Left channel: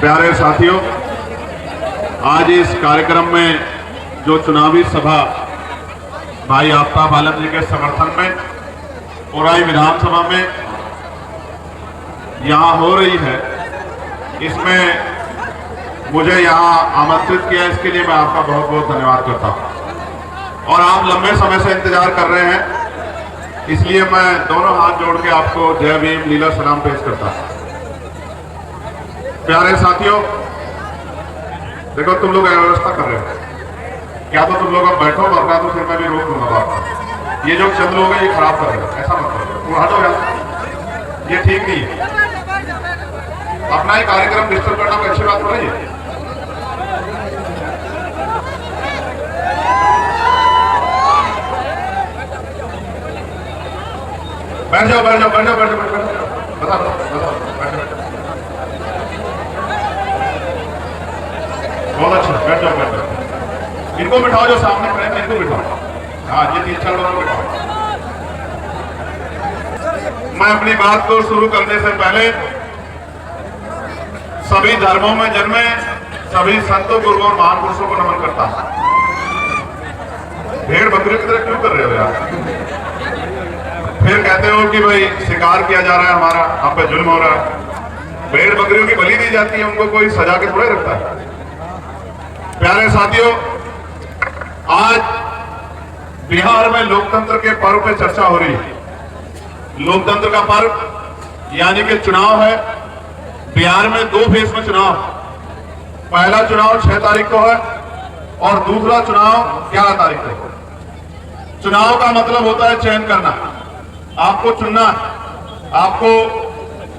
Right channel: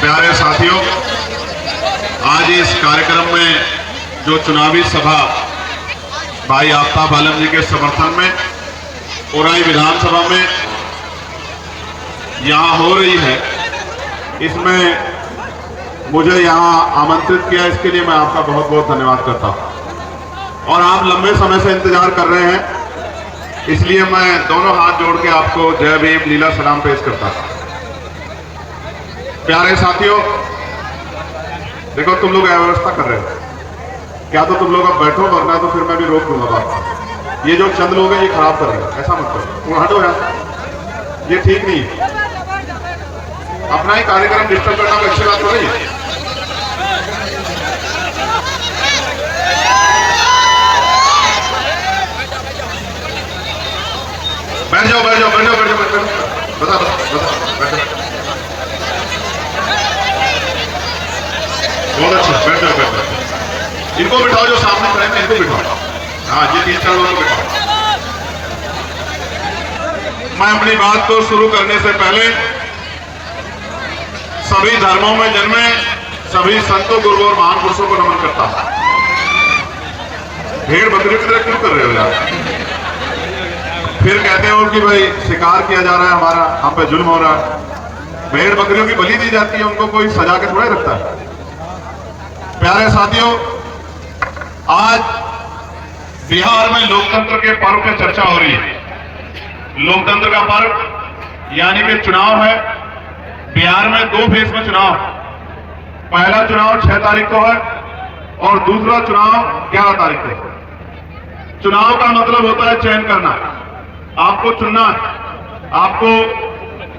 प्यारे साथियों, आज इस कार्यक्रम में जो चुनावी सभा भाई आफ्ताब आलम जी के समर्थन में उराई विधानसभा में यहाँ हो रही है, इसमें मुझे यहाँ आमंत्रित किया, इसके लिए मैं आपका बहुत बहुत धन्यवाद करता हूँ। और आप लंबे समय से इंतजार कर रहे हैं, इसलिए मैं दोनों हाथ जोड़ के आपको जय भीम लीला सलाम पेश करता हूँ। प्यारे साथियों, देखो तुम लोग अव्यवस्था कर रहे हो, क्या तो तुम लोग अब बैठो, वरना तो फिर मैं भी रोक दूंगा आपको। ये जो चंद लोग हैं ये खराब कर रहे हो, ऐसा मत करो, तुम हटो यार, ये ठीक नहीं। अपना ही कार्यक्रम डिस्टर्ब करना कोई अच्छी बात नहीं है। बैठ जाओ बैठ जाओ बैठ जाओ बैठ जाओ बैठ जाओ, बता बैठ जाओ। बहुत अच्छा, बैठ जाओ बैठ जाओ। इनको बिठाओ, जो सामने खड़े हैं इनको बिठाओ। हाँ, ये 3-4 लोगों को बिठाओ। मैं अपनी बात को शुरू करने से पहले सभी धर्मों में जन्मे सभी संतों, गुरुओं और महापुरुषों को नमन करता हूं। भेड़ बकरी की तरह क्यों कर रहे हो यार? फिर कहते हो कि भाई शिकार किया जा रहा है, हमारा हम पे जुल्म हो रहा है। भेड़ बकरियों की बलि दी जाती है, उनको कोई सजा के थोड़ा रखता है। प्यारे साथियों, आज बिहार में लोकतंत्र के पर्व पे चर्चा हो रही है। लोकतंत्र का पर्व यानी कि चुनाव है। बिहार में 2 फेज में चुनाव। पहला चुनाव 6 तारीख को है और दूसरा चुनाव 11 तारीख को। चुनाव का मतलब होता है चयन करना, आपको चुनना है, आपको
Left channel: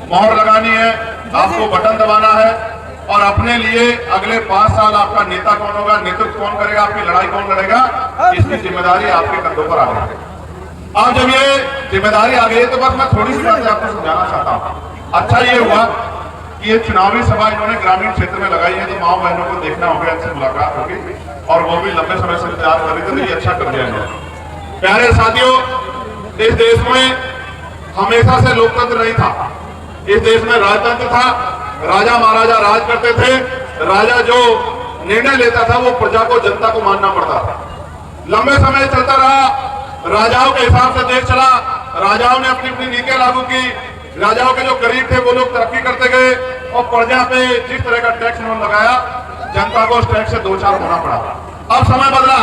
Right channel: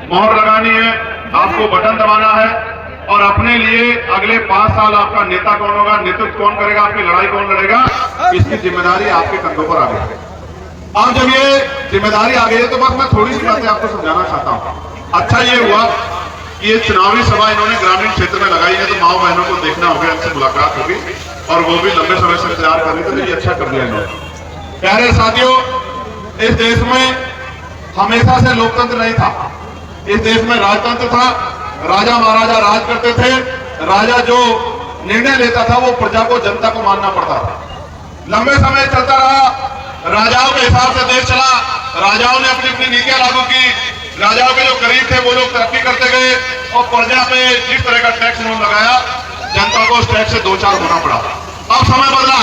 मोहर लगानी है, आपको बटन दबाना है और अपने लिए अगले 5 साल आपका नेता कौन होगा, नेतृत्व कौन करेगा, आपकी लड़ाई कौन लड़ेगा, इसकी जिम्मेदारी आपके कंधों पर आ गई है। अब जब ये जिम्मेदारी आ गई है तो बस मैं थोड़ी सी बातें आपको समझाना चाहता हूँ। अच्छा ये हुआ कि ये चुनावी सभा इन्होंने ग्रामीण क्षेत्र में लगाई है, तो माओ बहनों को देखना होगा, इनसे मुलाकात होगी और वो भी लंबे समय से इंतजार कर रहे थे, ये अच्छा कर लिया है। प्यारे साथियों, इस देश में हमेशा से लोकतंत्र नहीं था। इस देश में राजतंत्र था, राजा महाराजा राज करते थे। राजा जो निर्णय लेता था वो प्रजा को, जनता को मानना पड़ता था। लंबे समय चलता रहा, राजाओं के हिसाब से देश चला। राजाओं ने अपनी अपनी नीतियां लागू की। राजाओं के जो गरीब थे वो लोग तरक्की करते गए और प्रजा पे जिस तरह का टैक्स उन्होंने लगाया, जनता को उस टैक्स से 2-4 होना पड़ा। अब समय बदला,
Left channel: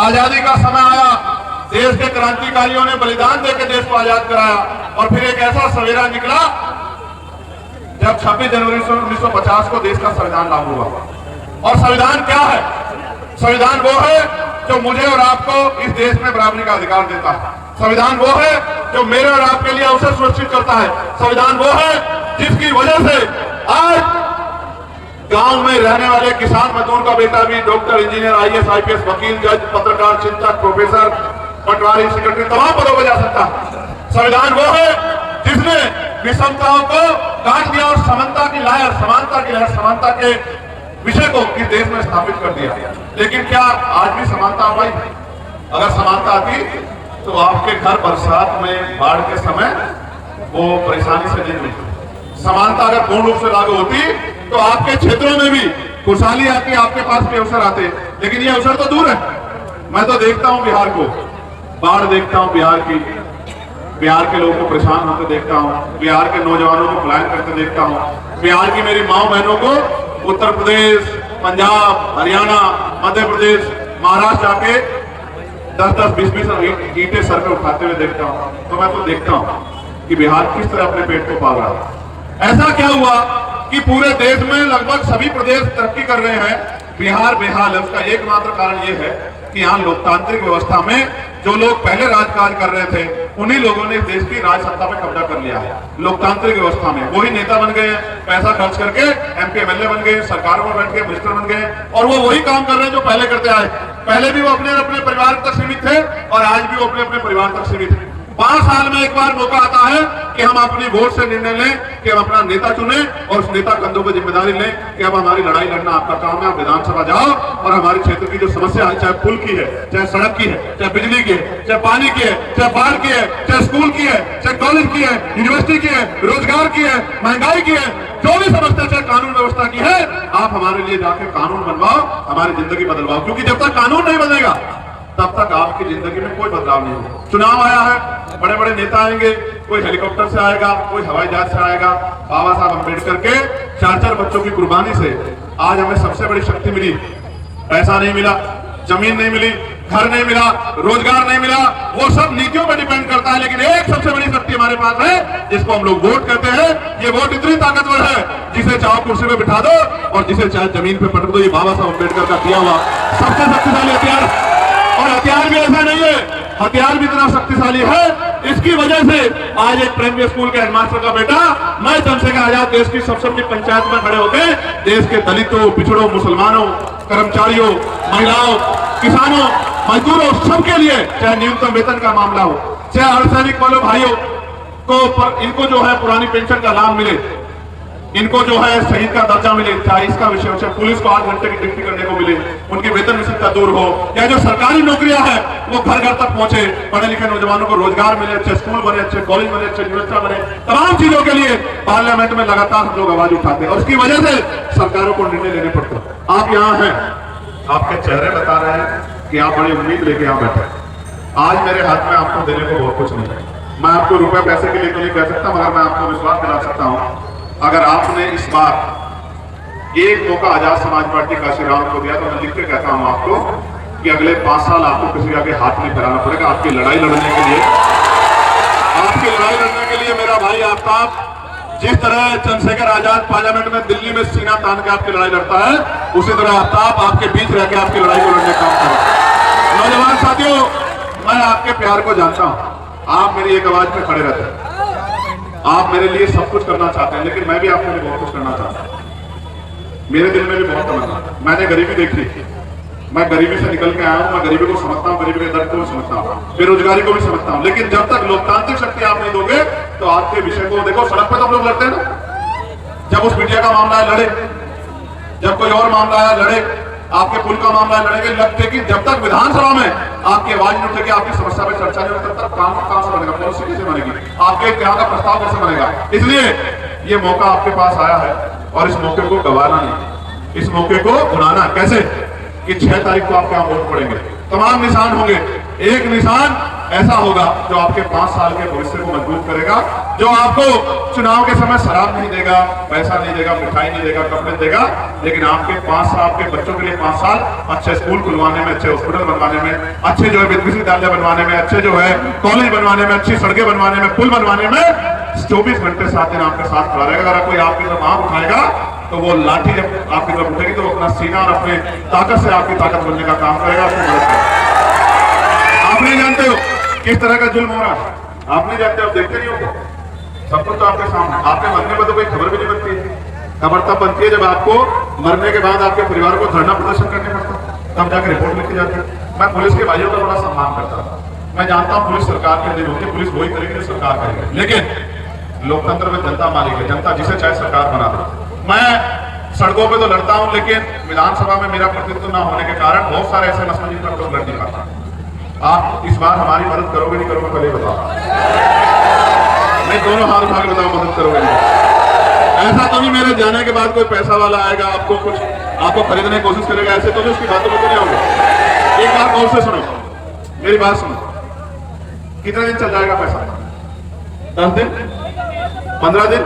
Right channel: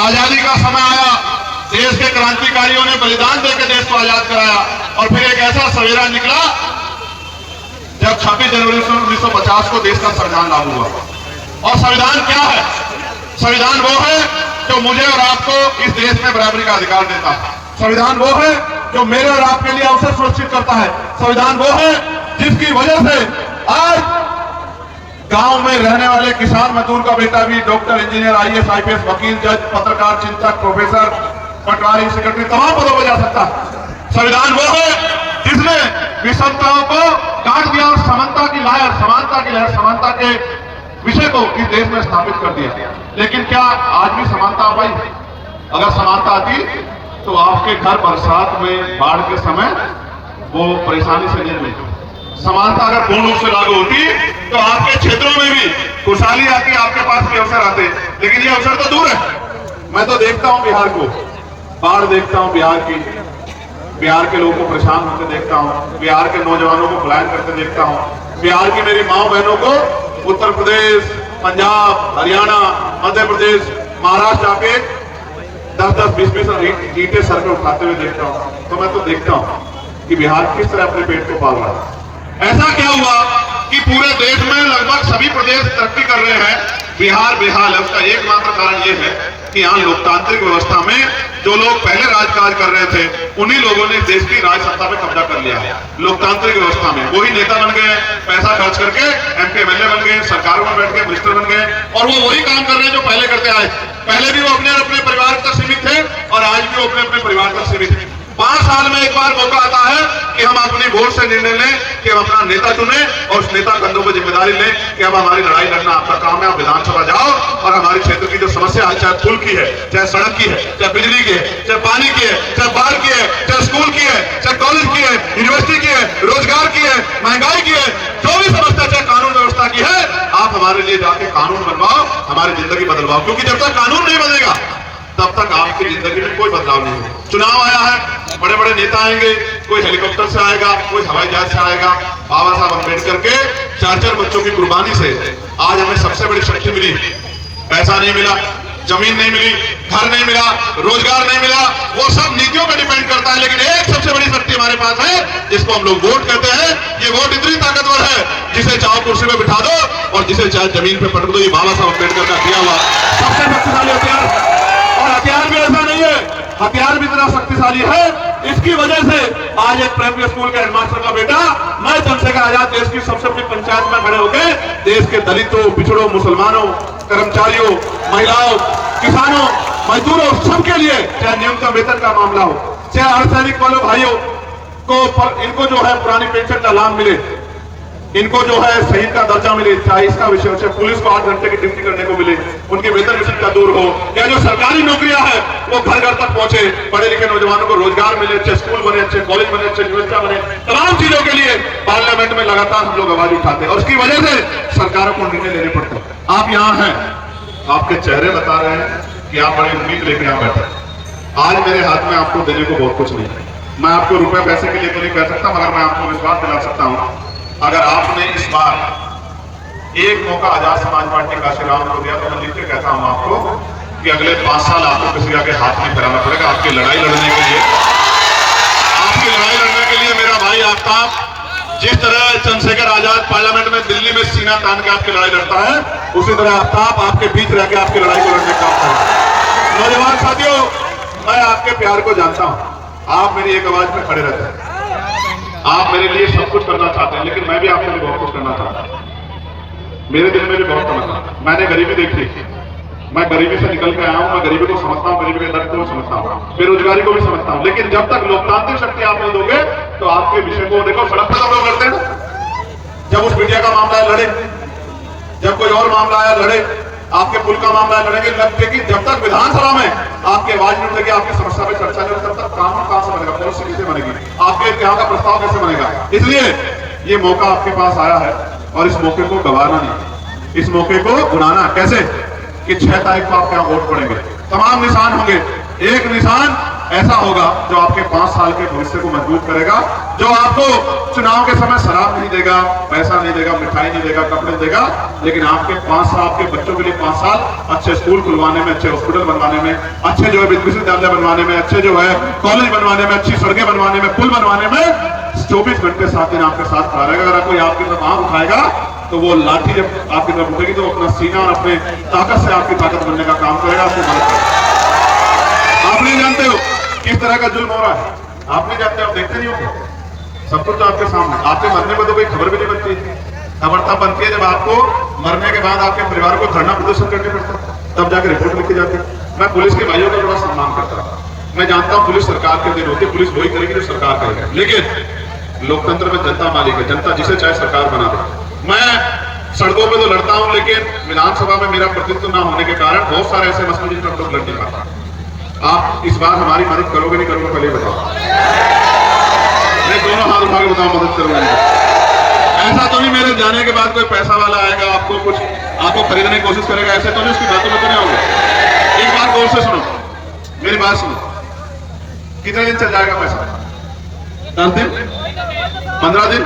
आजादी का समय आया, देश के क्रांतिकारियों ने बलिदान देकर देश को आजाद कराया और फिर एक ऐसा सवेरा निकला जब 26 जनवरी 1950 को देश का संविधान लागू हुआ। और संविधान क्या है? संविधान वो है जो मुझे और आपको इस देश में बराबरी का अधिकार देता है। संविधान वो है जो मेरे और आपके लिए अवसर सुरक्षित करता है। संविधान वो है जिसकी वजह से आज गांव में रहने वाले किसान मजदूर का बेटा भी डॉक्टर, इंजीनियर, IAS, IPS, वकील, जज, पत्रकार, चिंतक, प्रोफेसर, पटवारी, सेक्रेटरी, तमाम पदों पर जा सकता है। संविधान वो है जिसने विषमताओं को काट दिया और समानता की लहर, समानता के विषय को इस देश में स्थापित कर दिया। लेकिन क्या आज भी समानता हो गई? अगर समानता आती तो आपके घर बरसात में बाढ़ के समय वो परेशानी से नहीं मिलती। समानता अगर पूर्ण रूप से लागू होती तो आपके क्षेत्रों में भी खुशहाली आती, आपके पास भी अवसर आते। लेकिन ये अवसर तो दूर है। मैं तो देखता हूँ बिहार को, बाढ़ देखता हूँ बिहार की, बिहार के लोगों को परेशान होते देखता हूँ, बिहार के नौजवानों को पलायन करते देखता हूँ, बिहार की मेरी माओ बहनों को उत्तर प्रदेश, पंजाब, हरियाणा, मध्य प्रदेश, महाराष्ट्र आके 10-10, 20-20 ईंटें सर पे उठाते हुए देखता हूँ। तो मैं तो देखता हूँ कि बिहार किस तरह अपने पेट को पाल रहा है। ऐसा क्या हुआ कि पूरे देश में लगभग सभी प्रदेश तरक्की कर रहे हैं, बिहार बेहाल है? उसका एकमात्र कारण यह है कि यहाँ लोकतांत्रिक व्यवस्था में जो लोग पहले राजकाज कर रहे थे, उन्हीं लोगों ने देश की राज सत्ता में कब्जा कर लिया। लोकतांत्रिक व्यवस्था में वही नेता बन गए, पैसा खर्च करके MP MLA बन गए, सरकार में बैठ गए, मिनिस्टर बन गए और वो वही काम कर रहे हैं जो पहले करते आए। पहले भी वो अपने अपने परिवार तक सीमित थे और आज भी वो अपने अपने परिवार तक सीमित है। 5 साल में एक बार मौका आता है कि हम अपनी वोट से निर्णय लें कि हम अपना नेता चुने और उस नेता कंधों पर जिम्मेदारी लें कि अब हमारी लड़ाई लड़ना आपका काम है। आप विधानसभा जाओ और हमारे क्षेत्र की जो समस्या है, चाहे पुल की है, चाहे सड़क की है, चाहे बिजली की है, चाहे पानी की है, चाहे बाढ़ की है, चाहे स्कूल की है, चाहे कॉलेज की है, यूनिवर्सिटी की है, रोजगार की है, महंगाई की है, जो भी समस्या, चाहे कानून व्यवस्था आवश्यकता की है, आप हमारे लिए जाके कानून बनवाओ, हमारी जिंदगी बदलवाओ, क्योंकि जब तक कानून नहीं बदलेगा तब तक आपकी जिंदगी में कोई बदलाव नहीं होगा। चुनाव आया है, बड़े बड़े नेता आएंगे, कोई हेलीकॉप्टर से आएगा, कोई हवाई जहाज से आएगा। बाबा साहब अम्बेडकर के 4-4 बच्चों की कुर्बानी से आज हमें सबसे बड़ी शक्ति मिली। पैसा नहीं मिला, जमीन नहीं मिली, घर नहीं मिला, रोजगार नहीं मिला, वो सब नीतियों पर डिपेंड करता है। लेकिन एक सबसे बड़ी शक्ति हमारे पास है, जिसको हम लोग वोट कहते हैं। ये वोट इतनी ताकतवर है, जिसे चाहो कुर्सी में बिठा दो और जिसे चाहे जमीन पे पटक दो। ये बाबा साहब अम्बेडकर का दिया हुआ सबसे शक्तिशाली हथियार। और हथियार भी ऐसा नहीं है, हथियार भी इतना शक्तिशाली है, इसकी वजह से आज एक प्राइमरी स्कूल के हेडमास्टर का बेटा, मैं चंद्रशेखर आजाद देश की सबसे बड़ी पंचायत में खड़े होकर देश के दलितों, पिछड़ों, मुसलमानों, कर्मचारियों, महिलाओं, किसानों, मजदूरों, सबके लिए, चाहे न्यूनतम वेतन का मामला हो, चाहे अर्धसैनिक वालों भाइयों को इनको जो है पुरानी पेंशन का लाभ मिले, इनको जो है शहीद का दर्जा मिले, चाहे इसका विषय हो, चाहे पुलिस को 8 घंटे की ड्यूटी करने को मिले, उनके वेतन विषयता दूर हो, या जो सरकारी नौकरियां है वो घर घर तक पहुंचे, पढ़े लिखे नौजवानों को रोजगार मिले, अच्छे स्कूल बने, अच्छे कॉलेज बने, अच्छे यूनिवर्सिटी बने, तमाम चीजों के लिए पार्लियामेंट में लगातार हम लोग आवाज उठाते हैं और उसकी वजह से सरकारों को निर्णय लेने पड़ते हैं। आप यहाँ हैं, आपके चेहरे बता रहे हैं कि आप बड़ी उम्मीद लेकर यहाँ बैठे। आज मेरे हाथ में आपको देने को बहुत कुछ नहीं है, मैं आपको रुपया पैसे भी लेकर नहीं कह सकता, मगर मैं आपको विश्वास दिला सकता हूँ, अगर आपने इस बार एक मौका आजाद समाज पार्टी काशीराम को दिया तो मैं लिख के कहता हूं आपको कि अगले 5 साल आपको किसी आगे हाथ नहीं फैलाना पड़ेगा। आपकी लड़ाई लड़ने के लिए, आपकी लड़ाई लड़ने के लिए मेरा भाई आफ्ताब, जिस तरह चंद्रशेखर आजाद पार्लियामेंट में दिल्ली में सीना तान के आपकी लड़ाई लड़ता है, उसी तरह आफ्ताब आपके बीच रहकर आपकी लड़ाई को लड़ने का काम करेगा। नौजवान साथियों, मैं आपके प्यार को जानता हूं, आप मेरी एक आवाज में खड़े रहते हैं, आप मेरे लिए सब कुछ करना चाहते हैं, लेकिन मैं भी आपके लिए बहुत कुछ करना चाहता हूं। मेरे दिल में भी बहुत करना था, मैंने गरीबी देखी, मैं गरीबी से निकल के आया हूं, मैं गरीबी को समझता हूं, गरीबी के दर्द को भी समझता हूं, बेरोजगारी को भी समझता हूं। लेकिन जब तक लोकतांत्रिक शक्ति आप नहीं दोगे तो आपके विषय को देखो, सड़क पर तो लोग लड़ते हैं, जब उस मीडिया का मामला है लड़े, जब कोई और मामला है लड़े, आपके पुल का मामला लड़ेंगे, लगते कि जब तक विधानसभा में आपकी आवाज नहीं उठेगी, आपकी समस्या पे चर्चा नहीं होगी, तब तक कानून कहां से बनेगा, पॉलिसी कैसे बनेगी, आपके इतिहास का प्रस्ताव कैसे बनेगा। इसलिए ये मौका आपके पास आया है और इस मौके को गंवाना नहीं, इस मौके को बुलाना कैसे कि 6 तारीख को आपके यहाँ वोट पड़ेंगे, तमाम निशान होंगे, एक निशान ऐसा होगा जो आपके 5 साल के भविष्य को मजबूत करेगा, जो आपको चुनाव के समय शराब नहीं देगा, पैसा नहीं देगा, मिठाई नहीं देगा, कपड़े देगा, लेकिन आपके 5 साल, आपके बच्चों के लिए 5 साल अच्छे स्कूल खुलवाने में, अच्छे हॉस्पिटल बनवाने में, अच्छे जो है विश्वविद्यालय बनवाने में, अच्छे जो है कॉलेज बनवाने में, अच्छी सड़कें बनवाने में, पुल बनवाने में 24 घंटे 7 दिन आपके साथ खड़ा रहेगा। अगर कोई आपकी तरफ आंख उठाएगा तो वो लाठी जब आपकी तरफ उठेगी तो अपना सीना और अपने ताकत से आपकी ताकत बनने का काम करेगा। आप नहीं जानते हो किस तरह का जुल्म हो रहा है, आप नहीं जानते, आप देखते नहीं हो, सब कुछ आपके सामने। आपके मरने पर तो कोई खबर भी नहीं बनती है, खबर तब बनती है जब आपको मरने के बाद आपके परिवार को धरना प्रदर्शन करने पड़ता, तब जाकर रिपोर्ट लिखी जाती है। मैं पुलिस के भाइयों का बड़ा सम्मान करता हूँ, मैं जानता हूँ पुलिस सरकार के दिन होती है, पुलिस वही करेगी जो सरकार करेगी, लेकिन लोकतंत्र में जनता मालिक है, जनता जिसे चाहे सरकार बना दे। मैं सड़कों पे तो लड़ता हूं, लेकिन विधानसभा में मेरा प्रतिनिधित्व न होने के कारण बहुत सारे ऐसे मसले जिन पर लड़ नहीं पाता। आप इस बार हमारी मदद करोगे नहीं करोगे पहले बताओ, मैं दोनों हाथ उठा के बताऊं मदद करोगे। ऐसा तो नहीं मेरे जाने के बाद कोई पैसा वाला आएगा आपको कुछ आपको खरीदने की कोशिश करेगा, ऐसे तो नहीं, उसकी बातों में तो नहीं होगी। एक बात गौर से सुनो, मेरी बात सुनो, कितना दिन चल जाएगा पैसा? 10 दिन, 15 दिन?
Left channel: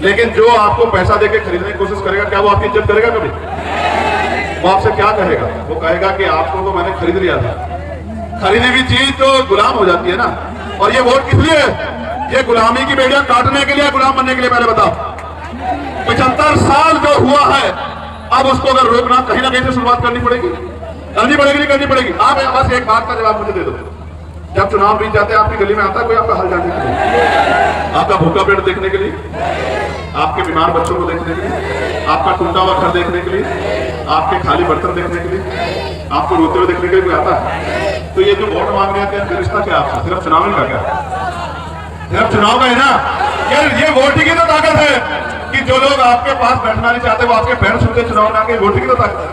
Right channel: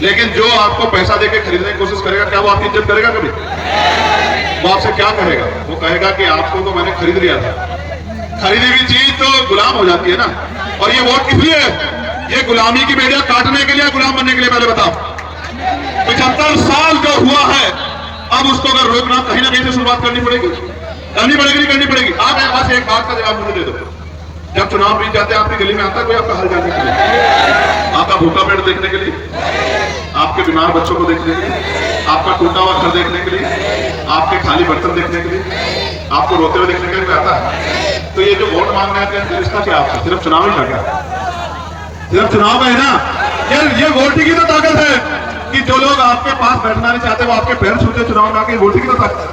लेकिन जो आपको पैसा देके खरीदने की कोशिश करेगा, क्या वो आपकी इज्जत करेगा कभी? वो आपसे क्या कहेगा? वो कहेगा कि आपको तो मैंने खरीद लिया था। खरीदी हुई चीज तो गुलाम हो जाती है ना। और ये वोट किस लिए? ये गुलामी की बेड़ियां काटने के लिए, गुलाम बनने के लिए। पहले बताओ, 75 साल जो हुआ है, अब उसको अगर रोकना कहीं ना कहीं से शुरुआत करनी पड़ेगी, करनी पड़ेगी। आप बस एक बात का जवाब मुझे दे दो, जब चुनाव बीत जाते हैं आपकी गली में आता है कोई आपका हाल जानने के लिए, आपका भूखा पेट देखने के लिए, आपके बीमार बच्चों को देखने के लिए, आपका टूटा हुआ घर देखने के लिए, आपके खाली बर्तन देखने के लिए, आपको रोते हुए देखने के लिए आता है। तो ये जो वोट मांगने आते हैं रिश्ता क्या आपसे? सिर्फ चुनाव ही लगा, सिर्फ चुनाव का है ना। ये वोट की तो ताकत है कि जो लोग आपके पास बैठना नहीं चाहते वो आपके पैर छूते चुनाव ना के, वोट की तो ताकत है।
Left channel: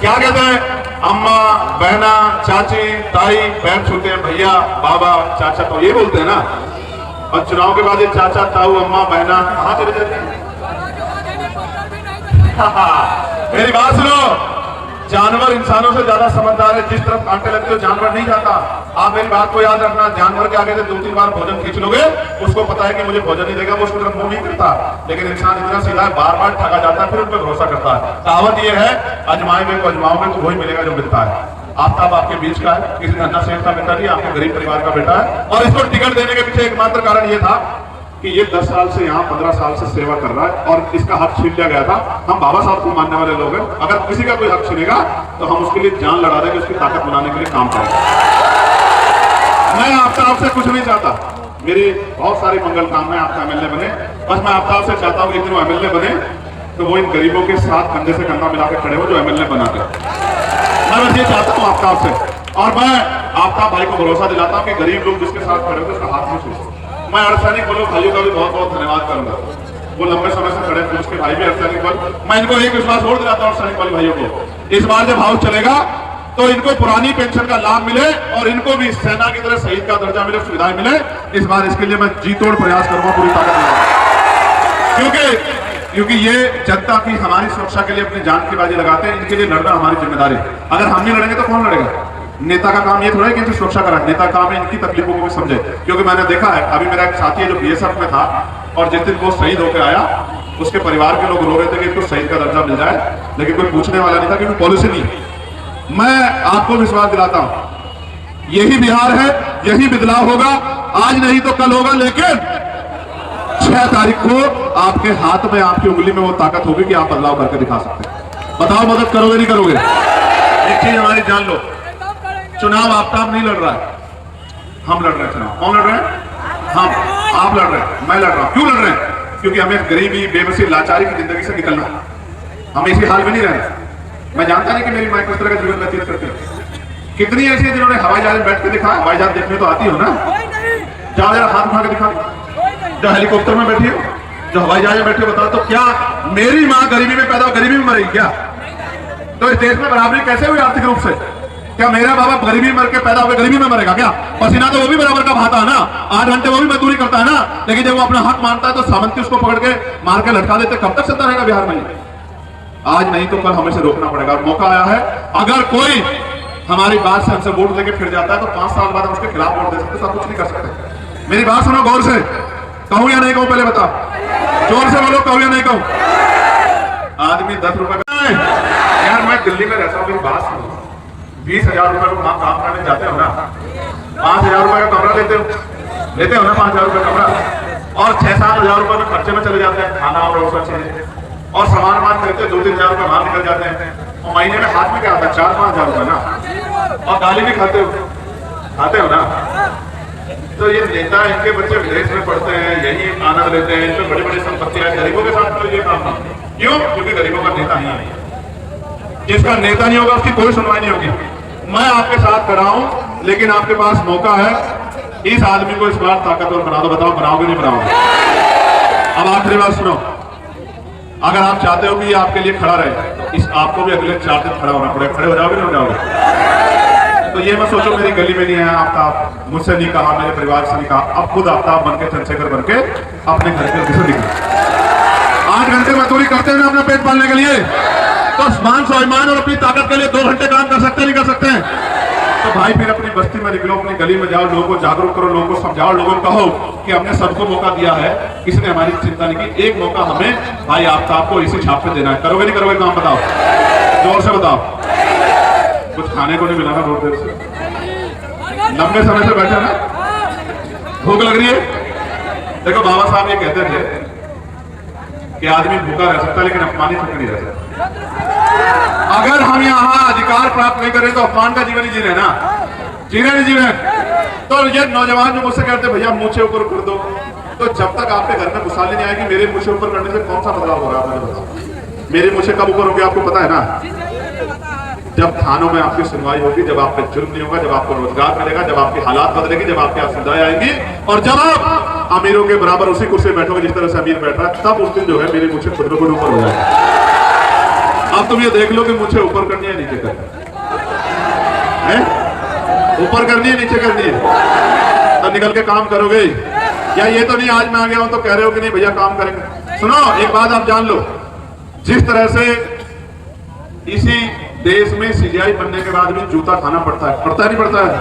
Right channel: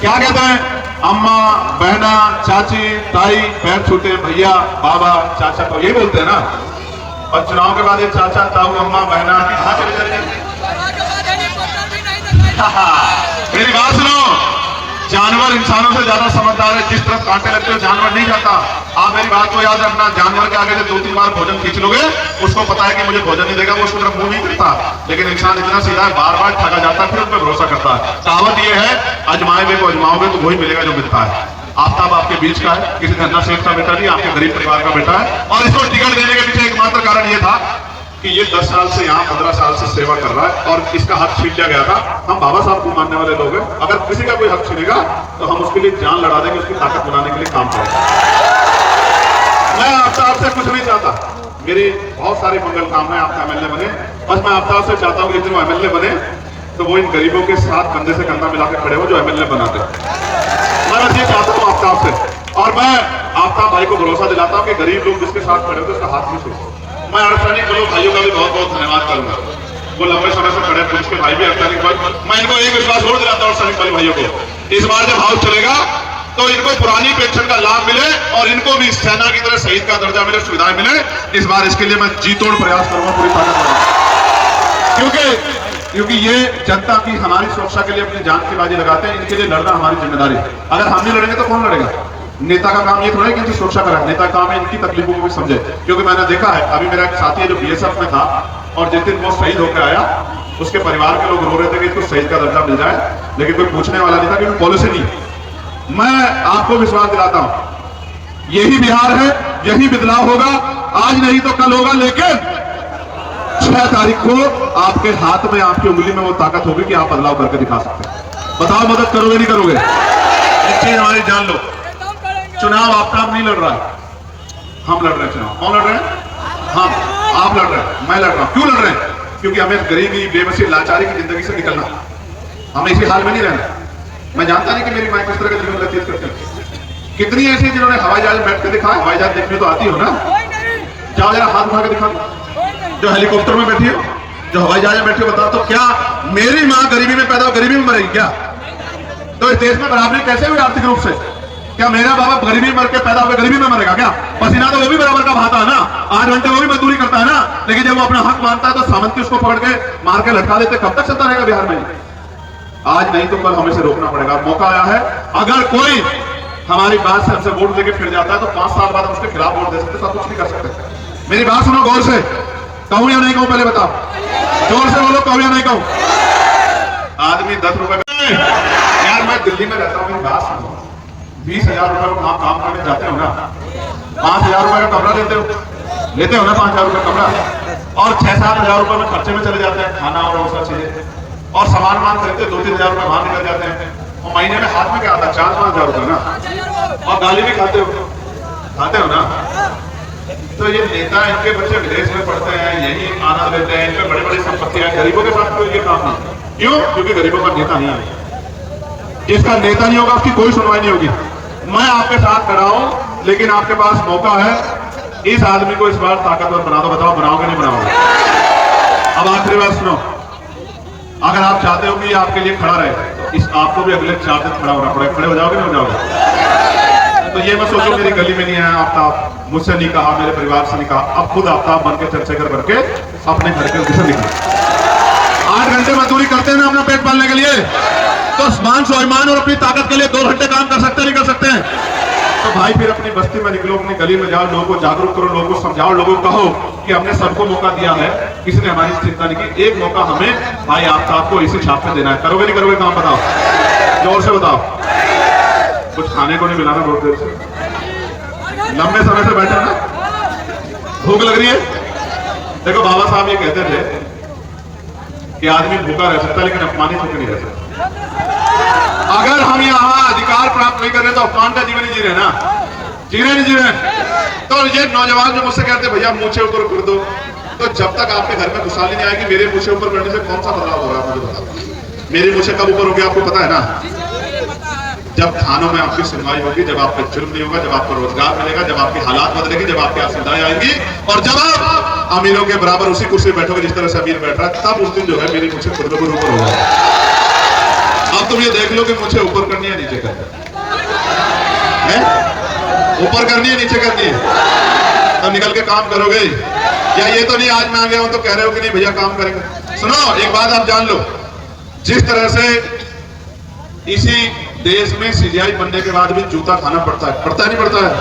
क्या कहते हैं? अम्मा, बहना, चाची, ताई, पैर छूते, भैया, बाबा, चाचा, तो ये बोलते हैं ना। और चुनाव के बाद ये चाचा, ताऊ, अम्मा, बहना कहाँ चले जाते हैं? मेरी बात सुनो, जानवर इंसानों से ज्यादा समझदार है। जिस तरफ कांटे लगते हो जानवर नहीं जाता। आप मेरी बात को याद रखना, जानवर के आगे से 2-3 बार भोजन खींच लोगे, उसको पता है कि मुझे भोजन नहीं देगा, वो उसको तरफ मुंह नहीं करता। लेकिन इंसान इतना सीधा है, बार बार ठगा जाता है, फिर उस पर भरोसा करता है। कहावत ये है, अजमाए में को अजमाओगे तो वही मिलेगा जो मिलता है। आफ्ताब आपके बीच का है, किसी धन्ना सेठ का बेटा नहीं, आपके गरीब परिवार का बेटा है। और इसको टिकट देने के पीछे एकमात्र कारण ये था कि ये 10 साल से यहाँ 15 साल से सेवा कर रहा है और इसका हक छीन लिया गया था। हम बाबा साहब को मानने वाले लोग हैं, अगर किसी का कोई हक छीनेगा तो हम उसके लिए जान लड़ा देंगे, उसकी ताकत बनाने के लिए काम करेंगे। मैं आफ्ताब से कुछ नहीं चाहता, मेरे बहुत सारे मंगल काम है आपका एमएलए बने, बस मैं आफ्ताब से चाहता हूँ कि जो एमएलए बने तो वो इन गरीबों के साथ कंधे से कंधा मिलाकर खड़े हो जो एमएलए बनाते। मैं बस ये चाहता हूँ आफ्ताब से, और मैं आफ्ताब भाई को भरोसा दिलाता हूँ कि गरीब लोग जिसके साथ खड़े होते उसका हाथ नहीं छूटे। मैं अर्धसैनिक बलों भाइयों का भी बहुत बहुत धन्यवाद करूंगा, वो लंबे समय से खड़े पुलिस के भाई भी अर्धसैनिक बल। मैं इनको एक विश्वास और दिलाता हूँ अर्धसैनिक बल भाइयों को, इस बार जब हाउस चलेगा तो इनको पुरानी पेंशन का लाभ मिले और इनको भी सेना की तरह शहीद का दर्जा मिले, सुविधाएं मिले। इस बार इसके लिए मैं जी तोड़ प्रयास करूंगा, पूरी ताकत, क्योंकि ये जनता की हमारी सुरक्षा के लिए अपनी जान की बाजी लगाते हैं, इनके लिए लड़ना हमारी जिम्मेदारी है। अगर हम नहीं लड़ेंगे तो कौन लड़ेगा? नेता का काम ये थोड़ा है कि इनकी सुरक्षा करें, नेता का काम है इनकी तकलीफों को भी समझे। क्योंकि मैंने देखा है, अभी मेरा एक साथी है जो बीएसएफ में था और जिस दिन वो शहीद होकर आया उसके परिवार के लोग रो रहे थे कि इसको शहीद का दर्जा मिल जाए, लेकिन कोई पूछने वाला नहीं था क्योंकि पॉलिसी नहीं। मैं आपको विश्वास दिलाता हूं यही बिहार है, यही बदलाव होगा, आज नहीं तो कल होगा, लेकिन 6 तारीख को आपके हाथ में, आपकी उंगली में वो ताकत होगी कि आप बदलाव करके दिखा सकते हैं। बताओ मदद करोगे नहीं करोगे? एक चीज हमारी जान लो, चुनाव आफ्ताब नहीं लड़ रहा है, हम लड़ रहे हैं चुनाव। कौन लड़ रहे हैं? हम। आप लड़ रहे हैं, मैं लड़ रहा हूं। क्यों लड़ रहे हैं? क्योंकि हमें गरीबी, बेबसी, लाचारी की जिंदगी से निकलना, हमें इसी हाल में नहीं रहना। मैं जानता नहीं कि मेरी मां किस तरह का जीवन व्यतीत करती है। कितनी ऐसी जिन्होंने हवाई जहाज बैठ के दिखा, हवाई जहाज देखने तो आती हो ना, जहां जरा हाथ उठा के दिखा, जो हेलीकॉप्टर में बैठी हो, जो हवाई जहाज में बैठी हो, बताओ तो क्या मेरी मां गरीबी में पैदा हो गरीबी में मरेगी क्या? तो इस देश में बराबरी कैसे हुई आर्थिक रूप से? क्या मेरा बाबा गरीबी में मर के पैदा होकर गरीबी में मरेगा क्या? पसीना तो वो भी बराबर का बहाता है ना, 8 घंटे वो भी मजदूरी करता है ना, लेकिन जब वो अपना हक मानता है तो सामंती उसको पकड़ के मार के लटका देते। कब तक चलता रहेगा बिहार में? आज नहीं तो कल हमें से रोकना पड़ेगा। मौका आया है, अगर कोई हमारी बात से हमसे वोट लेके फिर जाता है तो 5 साल बाद हम उसके खिलाफ वोट दे सकते, सब कुछ नहीं कर सकते। मेरी बात सुनो गौर से, कहूं या नहीं कहूं? पहले बताओ, जोर से बोलो, कहूं या नहीं कहूं? आदमी 10 रुपए यार, मैं दिल्ली में रहता हूँ, बात सुनो, 20,000 रुपए आप काम करने जाते हो ना, 5,000 रुपए का कमरा लेते हो ना, 5,000 रुपए कमरा, और 6-7 हजार रुपए में खर्चे में चले जाते हैं, खाना और सब चीजें, और सामान खरीदते 2-3 हजार रुपए बाहर निकल जाते हैं, और महीने में हाथ में क्या आता है? 4-5 हजार रुपए ना, और गाली भी खाते हो ना। तो ये नेता, इनके बच्चे विदेश में पढ़ते हैं, यही खाना लेते हैं, इनके बड़े बड़े संपत्ति है, गरीबों के साथ तो ये काम नहीं। क्यों? क्योंकि गरीबों का नेता नहीं है। जिसका नेता नहीं होगा उसकी कोई सुनवाई नहीं होगी। मैं आपके साथ खड़ा हूं, लेकिन आपके पास मौका है, इस आदमी को इस बार ताकतवर बना दो। बताओ बनाओगे नहीं बनाओगे? अब आखिरी बात सुनो, अगर आप चाहते हो कि आपके लिए खड़ा रहे, इस आपको भी अगले 4 दिन खड़ा होना पड़ेगा। खड़े हो जाओगे नहीं हो जाओगे? तो ये मत सोचो मेरी गली में नहीं आया आफ्ताब, मुझसे नहीं कहा, मेरे परिवार से नहीं कहा, अब खुद आफ्ताब बन के चंद्रशेखर करके अपने घर के निकला। 8 घंटे मजदूरी करते हैं अपना पेट पालने के लिए, तो मान स्वाभिमान और अपनी ताकत के लिए 2 घंटे काम कर सकते नहीं कर सकते हैं? तो भाई फिर अपनी बस्ती में निकलो, अपनी गली में जाओ, लोगों को जागरूक करो, लोगों को समझाओ, लोगों को कहो कि हमने सबको मौका दिया है, किसी ने हमारी चिंता नहीं की, एक मौका हमें भाई आफ्ताब को इसी छाप पे देना है। करोगे नहीं करोगे? काम बताओ, जोर से बताओ। कुछ खाने को नहीं मिला ना बहुत देर से, लंबे समय से बैठा ना, भूख लग रही है। देखो बाबा साहब ये कहते थे कि आदमी भूखा रह सकता है लेकिन अपमानित होकर नहीं रह सकता। अगर हम यहाँ अधिकार प्राप्त नहीं कर रहे तो अपमान का जीवन ही जी रहे ना, जी रहे नहीं जी रहे। तो ये नौजवान जो मुझसे कहते भैया मुंह से ऊपर कर दो, तो जब तक आपके घर में खुशहाली नहीं आएगी, मेरे मुंह से ऊपर करने से कौन सा बदलाव हो रहा है? मेरे मुंह से कब ऊपर हो गया आपको पता है ना? जब थानों में आपकी सुनवाई होगी, जब आपका जुर्म नहीं होगा, जब आपको रोजगार मिलेगा, जब आपकी हालात बदलेगी, जब आपकी सुविधाएं आएंगी, और जब आप अमीरों के बराबर उसी कुर्सी बैठोगे जिस तरह से अमीर बैठ रहा, तब उस दिन जो है मेरे मुझे खुद ऊपर होगा। अब तुम ये देख लो कि मुझे ऊपर करनी है नीचे करनी है, ऊपर करनी है नीचे करनी है, तो निकल के काम करोगे या ये तो नहीं आज मैं आ गया हूं तो कह रहे हो कि नहीं भैया काम करेंगे। सुनो एक बात आप जान लो, जिस तरह से इसी देश में सीजीआई बनने के बाद भी जूता खाना पड़ता है, पड़ता नहीं पड़ता है।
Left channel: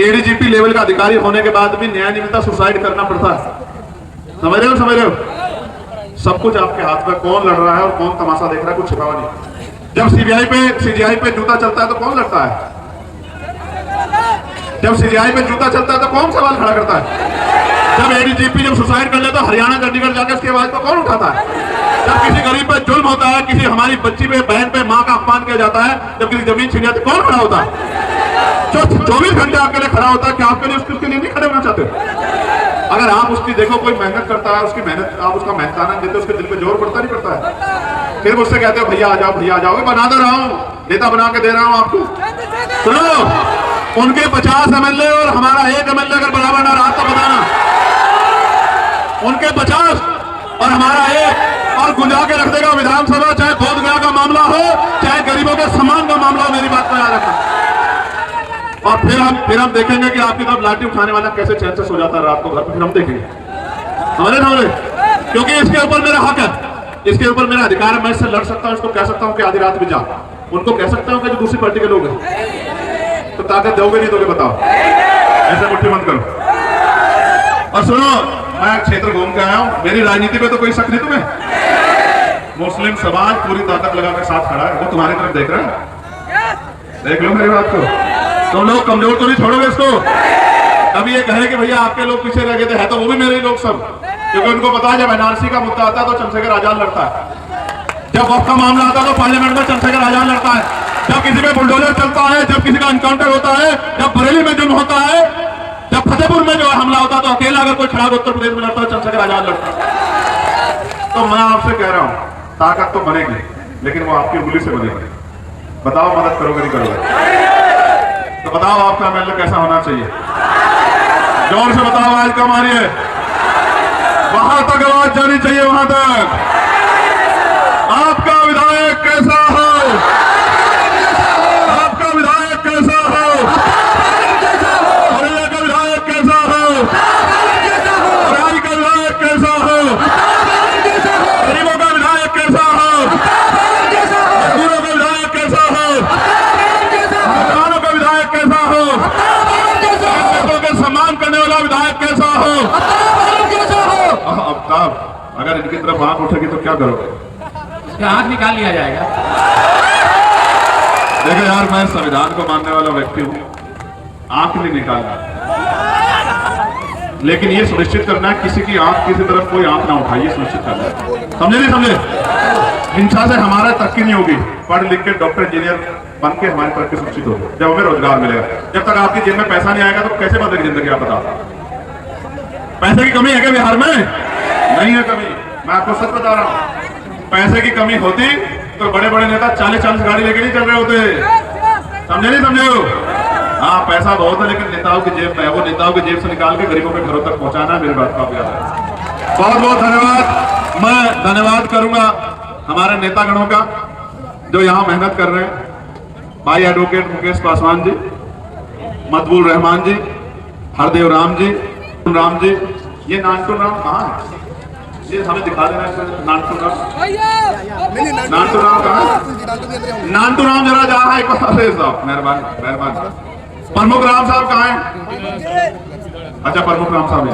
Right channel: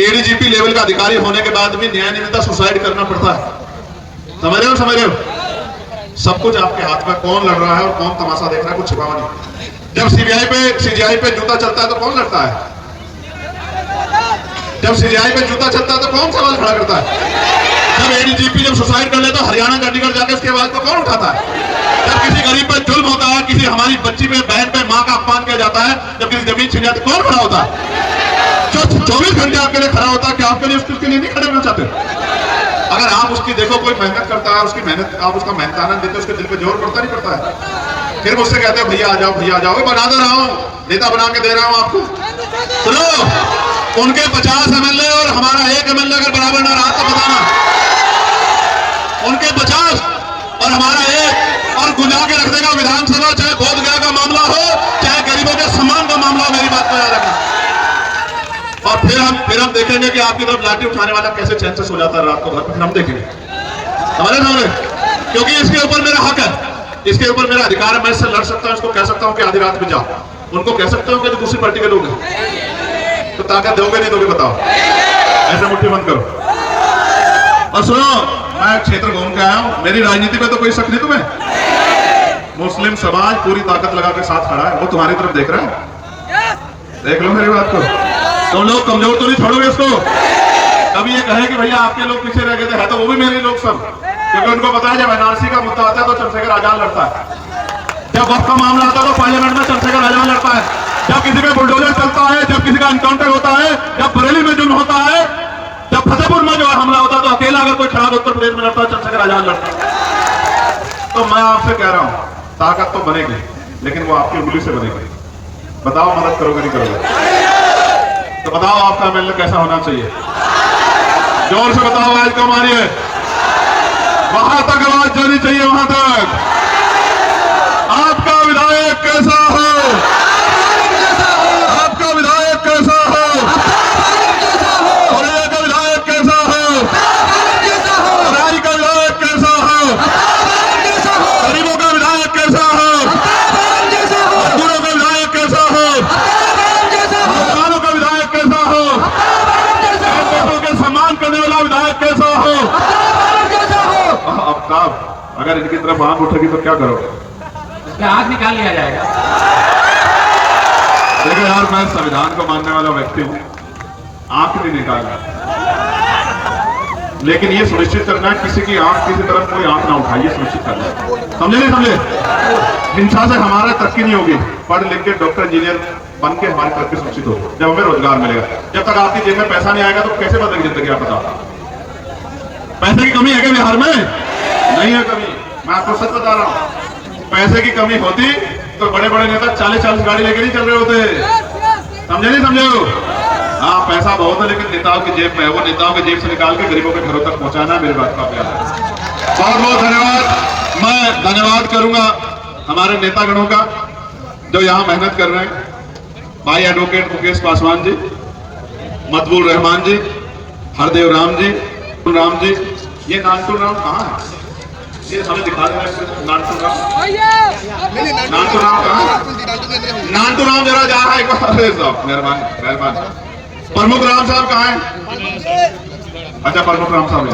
एडीजीपी लेवल का अधिकारी होने के बाद भी न्याय निमित्ता सुसाइड करना पड़ता है। समझ रहे हो? सब कुछ आपके हाथ में, कौन लड़ रहा है और कौन तमाशा देख रहा है कुछ छिपा नहीं। जब सीजीआई पे जूता चलता है तो कौन लड़ता है? जब सीजीआई पे जूता चलता है तो कौन सवाल खड़ा करता है? जब एडीजीपी जब सुसाइड कर लेता है हरियाणा चंडीगढ़ जाकर, इसके बाद तो कौन उठाता है? जब किसी गरीब पे जुल्म होता है, किसी हमारी बच्ची पे, बहन पे, माँ का अपमान किया जाता है, जब किसी जमीन छीन जाती है, कौन खड़ा होता है? जो 24 घंटे आपके लिए खड़ा होता है, क्या आपके लिए उसके लिए नहीं खड़े होना चाहते? अगर आप उसकी देखो, कोई मेहनत करता है, उसकी मेहनत आप उसका मेहनताना देते, उसके दिल पे जोर पड़ता नहीं पड़ता है? फिर मुझसे कहते हैं भैया आ जाओ, भैया आ जाओ। बना दे रहा हूँ, नेता बना के दे रहा हूँ आपको। सुनो, उनके 50 एमएलए और हमारा 1 एमएलए अगर बराबर ना रहा तो बताना। उनके 50 और हमारा 1, और गुजा के रख देगा विधानसभा, चाहे बोध गया का मामला हो, चाहे गरीबों के सम्मान का मामला हो। मेरी बात का याद रखना। और फिर हम देखेंगे कि आपकी तरफ लाठी उठाने वाला कैसे चैन से सो जाता है रात को घर पर, फिर हम देखेंगे। हमारे क्योंकि इसके ऊपर मेरा हक है, इसके ऊपर मेरा अधिकार है। मैं इससे लड़ सकता हूं, इसको कह सकता हूं कि आधी रात में जाओ, उनको कह सकता हूं कि जो दूसरी पार्टी के लोग हैं। तो ताकत दोगे नहीं दोगे बताओ? ऐसे मुट्ठी बंद करो। और सुनो, मैं क्षेत्र घूम के आया हूं, मेरी राजनीति में तो कोई शक नहीं तुम्हें। मुस्लिम समाज पूरी ताकत लगा के साथ खड़ा है, वो तुम्हारी तरफ देख रहा है। देख लो मेरी बात को, तुम लोग कमजोर तो नहीं छोड़ोगे इसको। कभी ये कहे कि भैया आपके लोग पीछे रह गए थे, है तो वो भी मेरे ही लोग सब, क्योंकि उनको पता है जब एनआरसी का मुद्दा आता है तो चंद्रशेखर आजाद लड़ता है, जब वक्त का मामला आता है तो पार्लियामेंट में चंद्रशेखर आजाद लड़ता है, जब किसी पे बुलडोजर चलता है, जब किसी का एनकाउंटर होता है, जब बरेली में जुल्म होता है, जब फतेहपुर में जो हमला होता है, तो अकेला अगर कोई खड़ा उत्तर प्रदेश में लड़ता है चंद्रशेखर आजाद लड़ता है। तो मैं आपसे कह रहा हूं, ताकत तो बनेगी, लेकिन वो आपकी उंगली से बनेगी। बताओ मदद करोगे नहीं करोगे? तो बताओ आपका एमएलए कैसा होना चाहिए? जोर से बताओ, आज का मारिए, वहां तक आवाज जानी चाहिए, वहां तक। आपका विधायक कैसा हो? आपका विधायक कैसा हो? औरैया का विधायक कैसा हो? रारी का विधायक कैसा हो? गरीबों का विधायक कैसा हो? मजदूरों का विधायक कैसा हो? किसानों का विधायक कैसा हो? के सम्मान करने वाला विधायक कैसा हो? अब अगर इनकी तरफ आंख उठेगी तो क्या करोगे? क्या हाथ निकाल लिया जाएगा? देखो यार, मैं संविधान को मानने वाला व्यक्ति हूं, आंख नहीं निकालना, लेकिन ये सुनिश्चित करना है किसी की आंख, किसी तरफ कोई आंख ना उठाए, ये सुनिश्चित करना है। समझे नहीं समझे? हिंसा से हमारा तरक्की नहीं होगी। पढ़ लिख के डॉक्टर इंजीनियर बन के हमारी तरक्की सुनिश्चित होगी, जब हमें रोजगार मिलेगा। जब तक आपकी जेब में पैसा नहीं आएगा तो कैसे बदलेगी जिंदगी? आप बताओ। पैसे की कमी है क्या बिहार में? नहीं है कमी, मैं आपको सच बता रहा हूं। पैसे की कमी होती तो बड़े बड़े नेता 40-40 गाड़ी लेके नहीं चल रहे होते। समझे नहीं समझे हो? हाँ, पैसा बहुत है, लेकिन नेताओं की जेब में है, वो नेताओं की जेब से निकाल के गरीबों के घरों तक पहुंचाना है। मेरी बात का प्यार है। बहुत बहुत धन्यवाद। मैं धन्यवाद करूंगा हमारे नेतागणों का जो यहाँ मेहनत कर रहे हैं। भाई एडवोकेट मुकेश पासवान जी, मतबूल रहमान जी, हरदेव राम जी, राम जी, ये नानटू राम कहाँ है? ये हमें दिखा देना। नानटू राम कहाँ? नानटू राम जरा जा रहा है एक बार, मेहरबान मेहरबान। प्रमुख राम साहब कहाँ हैं? अच्छा, प्रमुख राम साहब।